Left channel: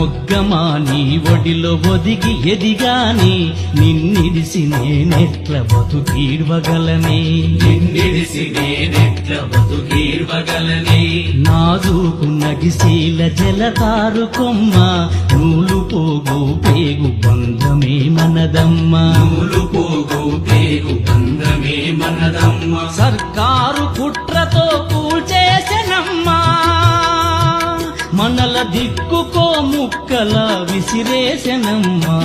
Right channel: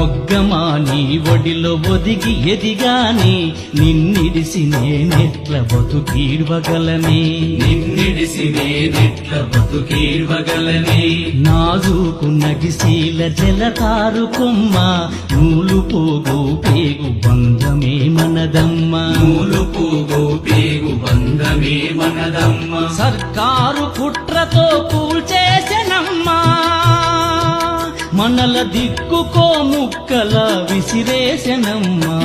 మొగ్గమా నీ ఒడిలో ఒదిగి ఎదిగాని నిన్నిడిసి నేనెట్ల బతుకీడ్వగలనే నిన్నిడిసి నేనెట్ల బతుకీడ్వగలనే నాజూకు నగిశీల జలతారు కొమ్మ నూలు పోగు పేగు బంధమే మనదమ్మా నూలు పోగు పేగు బంధమే మనదమ్మా సర్కారు కుట్రతో కూల్చేసెనమ్మా మనల దిక్కుకో ముక్కల విసిరేసెనమ్మా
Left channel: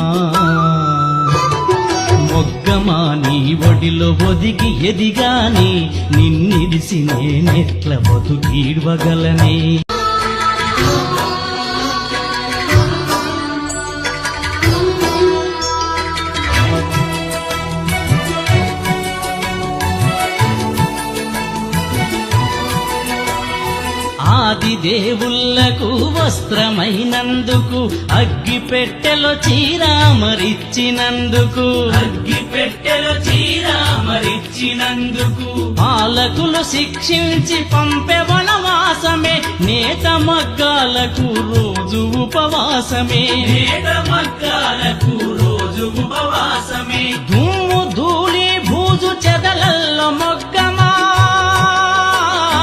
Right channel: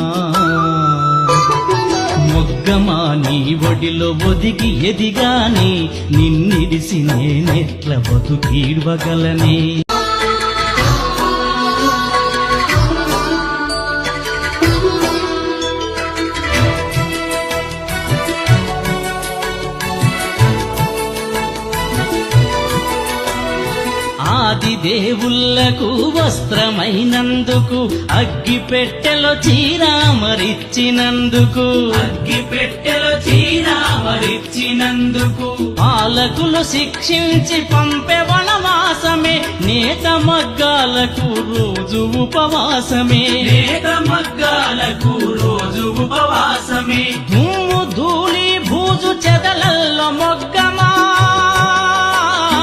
మొగ్గమా నీ ఒడిలో ఒదిగి ఎదిగాని నిన్నిడిసి నేనెట్ల బతుకీడ్వగలనే ఆది దేవుళ్లకు వస్త్రమైనందుకు అగ్గి పెట్టెలో చీరామరిచ్చినందుకు అగ్గి పెట్టెలో చీరామరిచ్చినందుకు పాలకులు శిక్షించి పంపె వనవాసమే నేత మగ్గాలకు రోజు ఉపవాసమే నేత మగ్గ